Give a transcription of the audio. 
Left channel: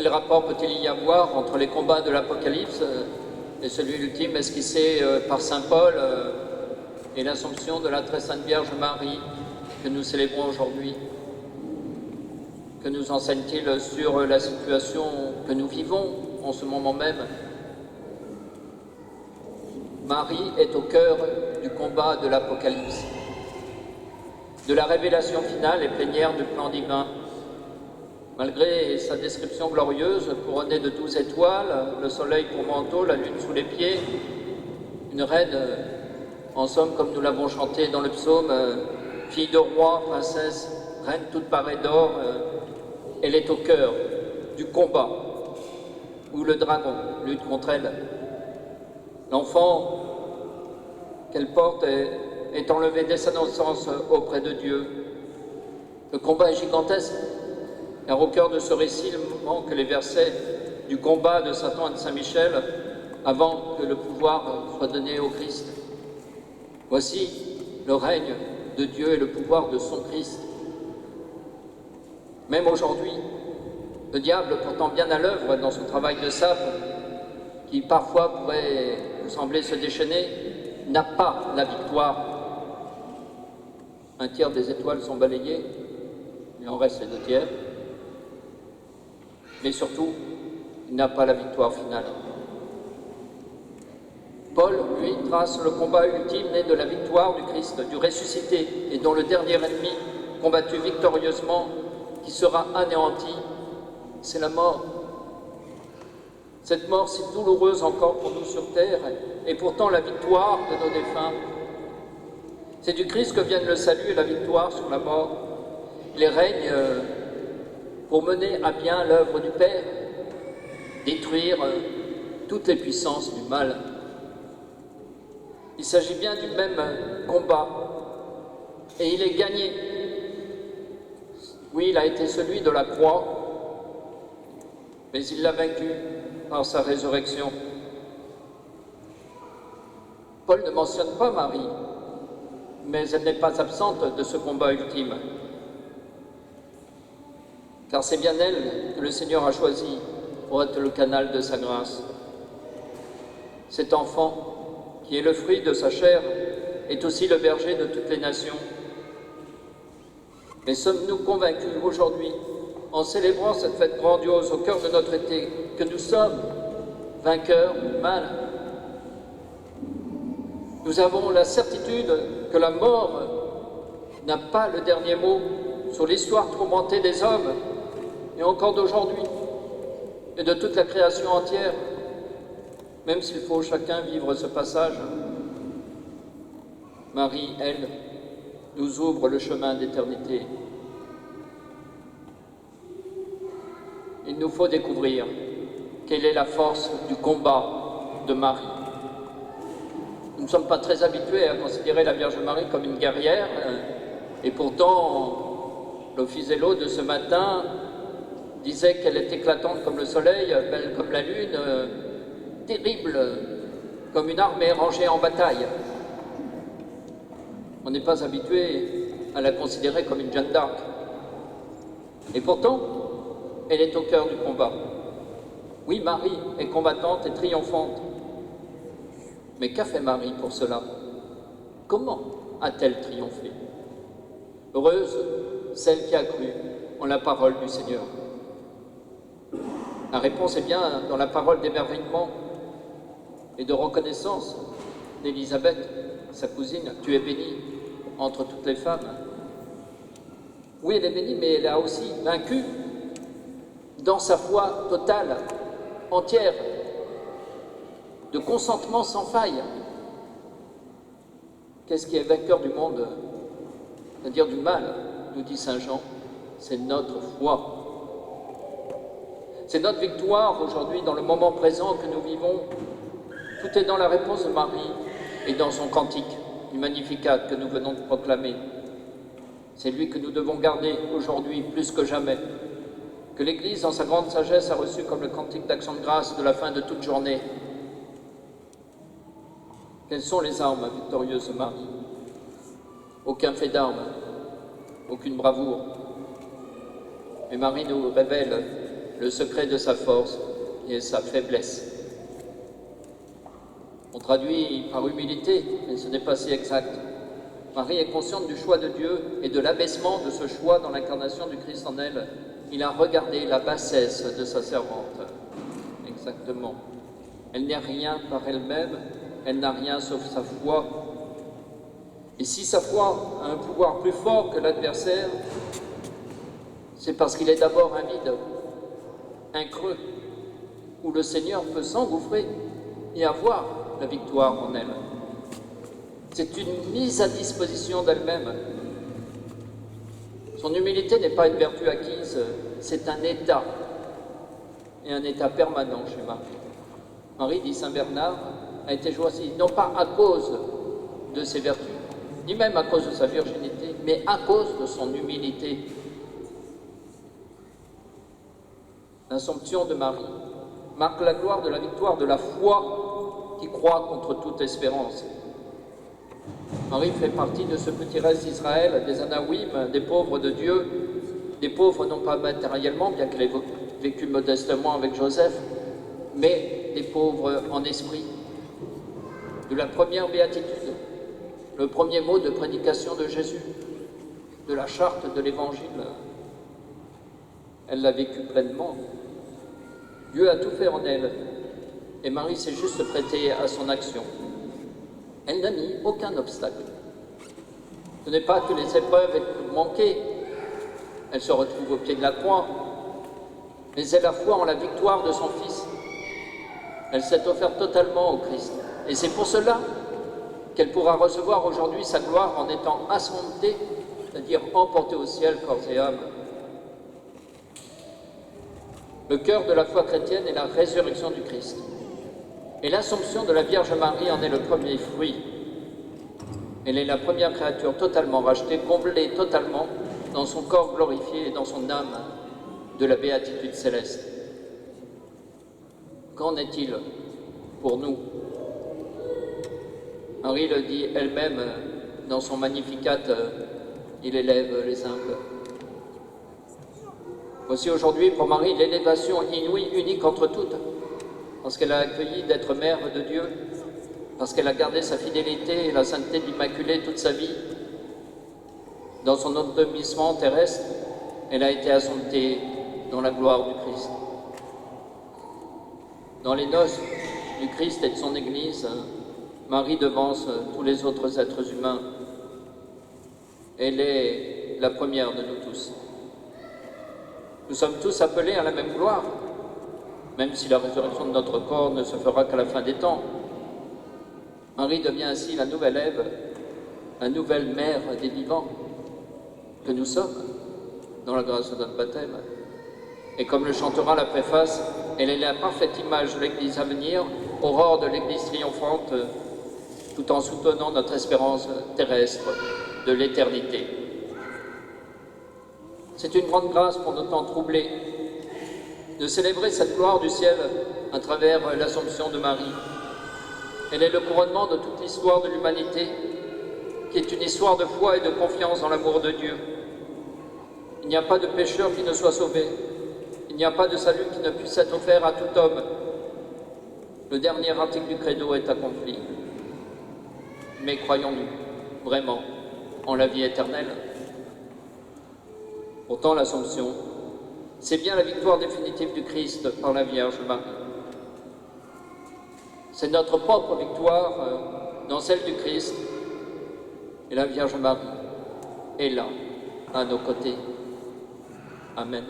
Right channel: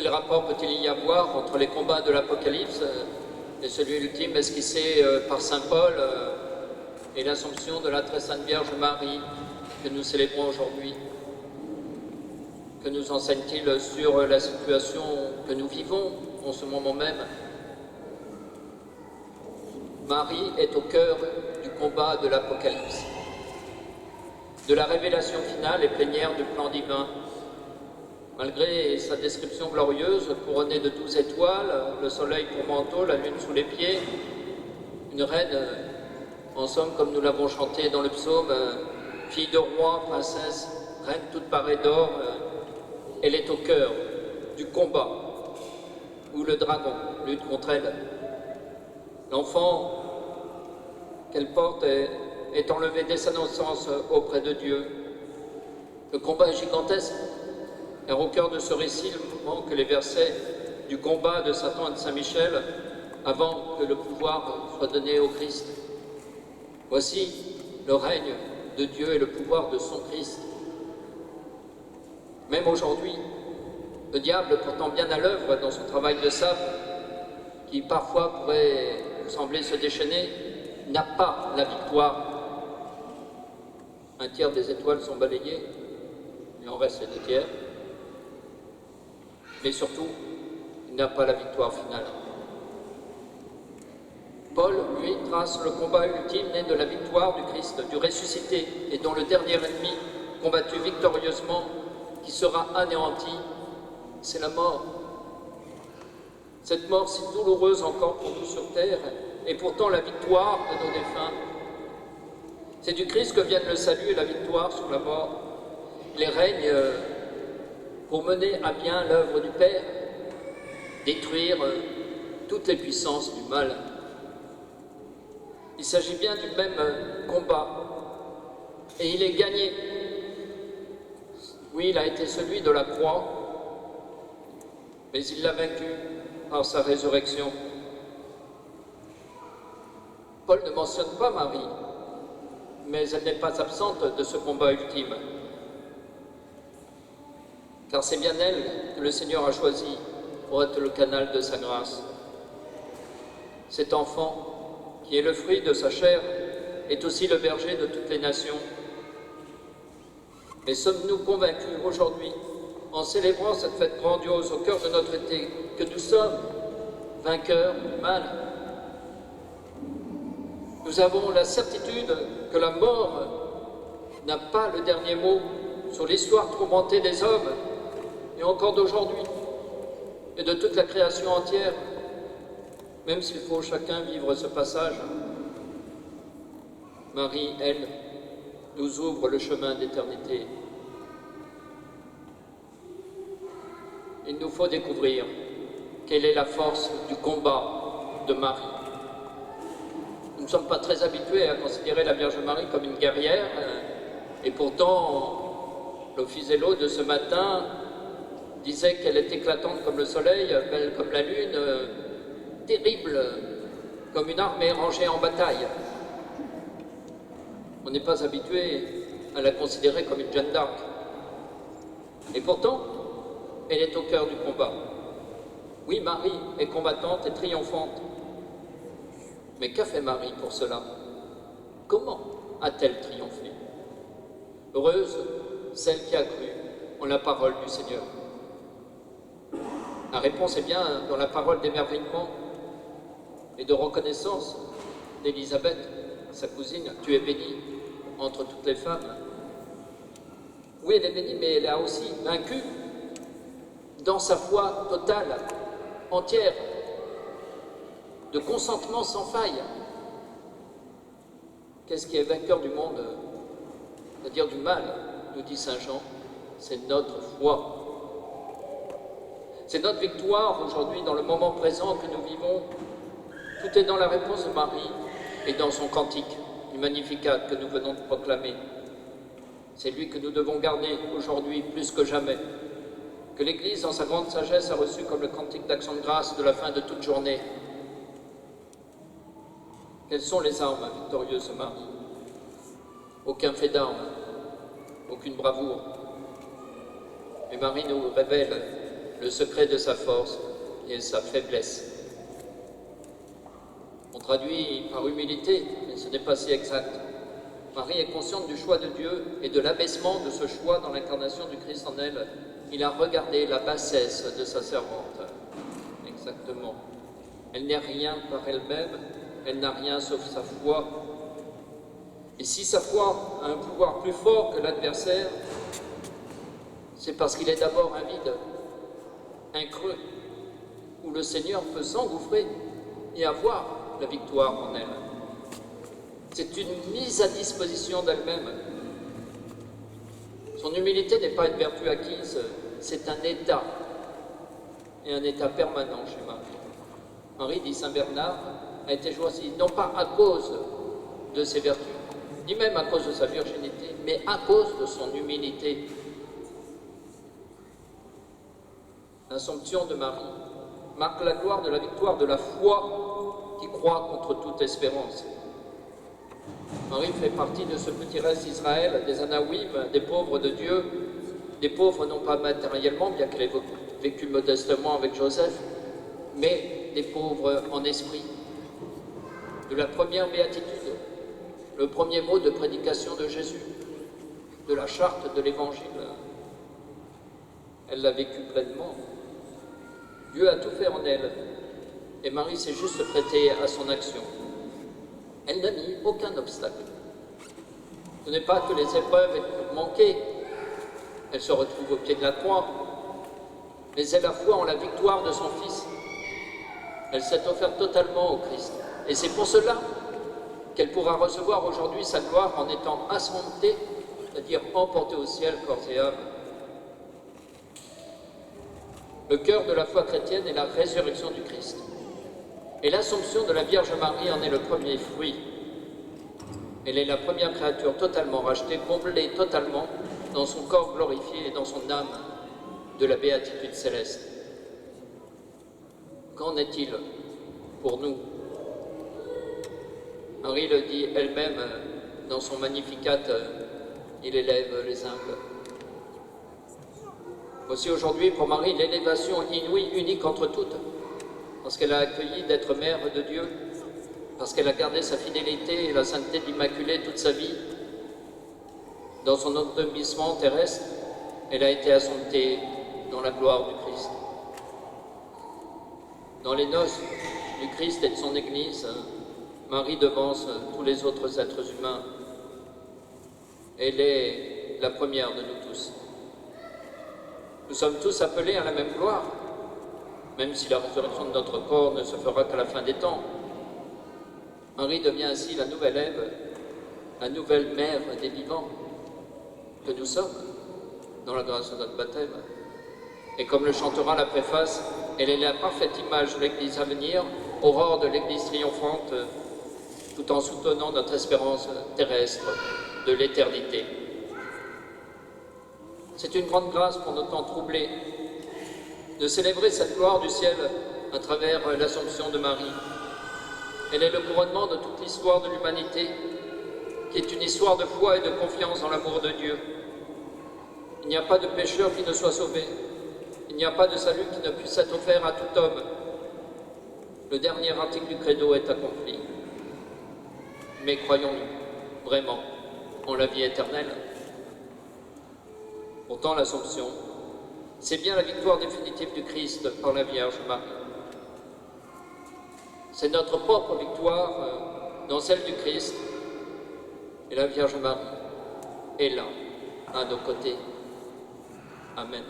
Quel rapport peut-il y avoir entre les combats de l'Apocalypse et celui ultime esquissé par saint Paul et l'Assomption de la très sainte Vierge Marie que nous célébrons aujourd'hui? Que nous enseigne-t-il sur la situation que nous vivons en ce moment même? Marie est au cœur du combat de l'Apocalypse, de la révélation finale et plénière du plan divin. Malgré sa description glorieuse, couronnée de 12 étoiles, le soleil pour manteau, la lune sous les pieds, une reine, en somme, comme nous l'avons chanté dans le psaume, fille de roi, princesse, reine toute parée d'or, elle est au cœur du combat où le dragon lutte contre elle. L'enfant qu'elle porte est enlevé dès sa naissance auprès de Dieu. Le combat est gigantesque, car au cœur de ce récit, il manque les versets du combat de Satan et de Saint Michel avant que le pouvoir soit donné au Christ. Voici le règne de Dieu et le pouvoir de son Christ. Même aujourd'hui, le diable, pourtant bien à l'œuvre dans son travail de sape, qui parfois pourrait sembler se déchaîner, n'a pas la victoire. Un tiers des étoiles sont balayées, il en reste les 2 tiers. Mais surtout, il n'a pas la victoire finale. Paul, lui, trace le combat ultime né de la victoire du Christ, du ressuscité, et dont le dernier ennemi, combattu victorieusement, qui sera anéanti, c'est la mort. Cette mort si douloureuse encore pour nous sur terre, est pourtant la victoire de nos défunts. C'est du Christ que viennent le salut et la victoire sur la mort. Il règne pour mener à bien l'œuvre du Père, détruire toutes les puissances du mal. Il s'agit bien du même combat, et il est gagné. Oui, il a été celui de la croix, mais il l'a vaincu par sa résurrection. Paul ne mentionne pas Marie, mais elle n'est pas absente de ce combat ultime. Car c'est bien elle que le Seigneur a choisi pour être le canal de sa grâce. Cet enfant, qui est le fruit de sa chair, est aussi le berger de toutes les nations. Mais sommes-nous convaincus aujourd'hui, en célébrant cette fête grandiose au cœur de notre été, que nous sommes vainqueurs du mal? Nous avons la certitude que la mort n'a pas le dernier mot sur l'histoire tourmentée des hommes, et encore d'aujourd'hui, et de toute la création entière, même s'il faut chacun vivre ce passage. Marie, elle, nous ouvre le chemin d'éternité. Il nous faut découvrir quelle est la force du combat de Marie. Nous ne sommes pas très habitués à considérer la Vierge Marie comme une guerrière, et pourtant, l'Office Zélo de ce matin disait qu'elle est éclatante comme le soleil, belle comme la lune, terrible comme une armée rangée en bataille. On n'est pas habitué à la considérer comme une Jeanne d'Arc. Et pourtant, elle est au cœur du combat. Oui, Marie est combattante et triomphante. Mais qu'a fait Marie pour cela? Comment a-t-elle triomphé? Heureuse celle qui a cru en la parole du Seigneur. La réponse est bien dans la parole d'émerveillement et de reconnaissance d'Élisabeth, sa cousine. Tu es bénie entre toutes les femmes. Oui, elle est bénie, mais elle a aussi vaincu dans sa foi totale, entière, de consentement sans faille. Qu'est-ce qui est vainqueur du monde, c'est-à-dire du mal, nous dit saint Jean? C'est notre foi. C'est notre victoire aujourd'hui dans le moment présent que nous vivons. Tout est dans la réponse de Marie et dans son cantique, du Magnificat que nous venons de proclamer. C'est lui que nous devons garder aujourd'hui plus que jamais, que l'Église, dans sa grande sagesse, a reçu comme le cantique d'action de grâce de la fin de toute journée. Quelles sont les armes victorieuses de Marie? Aucun fait d'armes, aucune bravoure. Mais Marie nous révèle le secret de sa force et sa faiblesse. On traduit par humilité, mais ce n'est pas si exact. Marie est consciente du choix de Dieu et de l'abaissement de ce choix dans l'incarnation du Christ en elle. Il a regardé la bassesse de sa servante. Exactement. Elle n'est rien par elle-même, elle n'a rien sauf sa foi. Et si sa foi a un pouvoir plus fort que l'adversaire, c'est parce qu'il est d'abord un vide, un creux, où le Seigneur peut s'engouffrer et avoir la victoire en elle. C'est une mise à disposition d'elle-même. Son humilité n'est pas une vertu acquise, c'est un état, et un état permanent chez Marie. Marie, dit saint Bernard, a été choisie non pas à cause de ses vertus, ni même à cause de sa virginité, mais à cause de son humilité. L'Assomption de Marie marque la gloire de la victoire de la foi qui croit contre toute espérance. Marie fait partie de ce petit reste d'Israël, des Anawim, des pauvres de Dieu, des pauvres non pas matériellement, bien qu'elle ait vécu modestement avec Joseph, mais des pauvres en esprit. De la première béatitude, le premier mot de prédication de Jésus, de la charte de l'Évangile, elle l'a vécu pleinement. Dieu a tout fait en elle, et Marie s'est juste prêtée à son action. Elle n'a mis aucun obstacle. Ce n'est pas que les épreuves aient manqué, elle se retrouve au pied de la croix, mais elle a foi en la victoire de son Fils. Elle s'est offerte totalement au Christ. Et c'est pour cela qu'elle pourra recevoir aujourd'hui sa gloire en étant assomptée, c'est-à-dire emportée au ciel, corps et âme. Le cœur de la foi chrétienne est la résurrection du Christ. Et l'Assomption de la Vierge Marie en est le premier fruit. Elle est la première créature totalement rachetée, comblée totalement dans son corps glorifié et dans son âme de la béatitude céleste. Qu'en est-il pour nous? Marie le dit elle-même dans son Magnificat, il élève les humbles. Voici aujourd'hui pour Marie l'élévation inouïe, unique entre toutes, parce qu'elle a accueilli d'être mère de Dieu, parce qu'elle a gardé sa fidélité et la sainteté de l'Immaculée toute sa vie. Dans son endormissement terrestre, elle a été assomptée dans la gloire du Christ. Dans les noces du Christ et de son Église, Marie devance tous les autres êtres humains. Elle est la première de nous tous. Nous sommes tous appelés à la même gloire, même si la résurrection de notre corps ne se fera qu'à la fin des temps. Marie devient ainsi la nouvelle Ève, la nouvelle mère des vivants que nous sommes dans la grâce de notre baptême. Et comme le chantera la préface, elle est la parfaite image de l'Église à venir, aurore de l'Église triomphante, tout en soutenant notre espérance terrestre de l'éternité. C'est une grande grâce pour nos temps troublés de célébrer cette gloire du ciel à travers l'Assomption de Marie. Elle est le couronnement de toute l'histoire de l'humanité, qui est une histoire de foi et de confiance dans l'amour de Dieu. Il n'y a pas de pécheur qui ne soit sauvé. Il n'y a pas de salut qui ne puisse être offert à tout homme. Le dernier article du Credo est accompli. Mais croyons-nous vraiment en la vie éternelle? Pourtant, l'Assomption, c'est bien la victoire définitive du Christ par la Vierge Marie. C'est notre propre victoire dans celle du Christ, et la Vierge Marie est là, à nos côtés. Amen.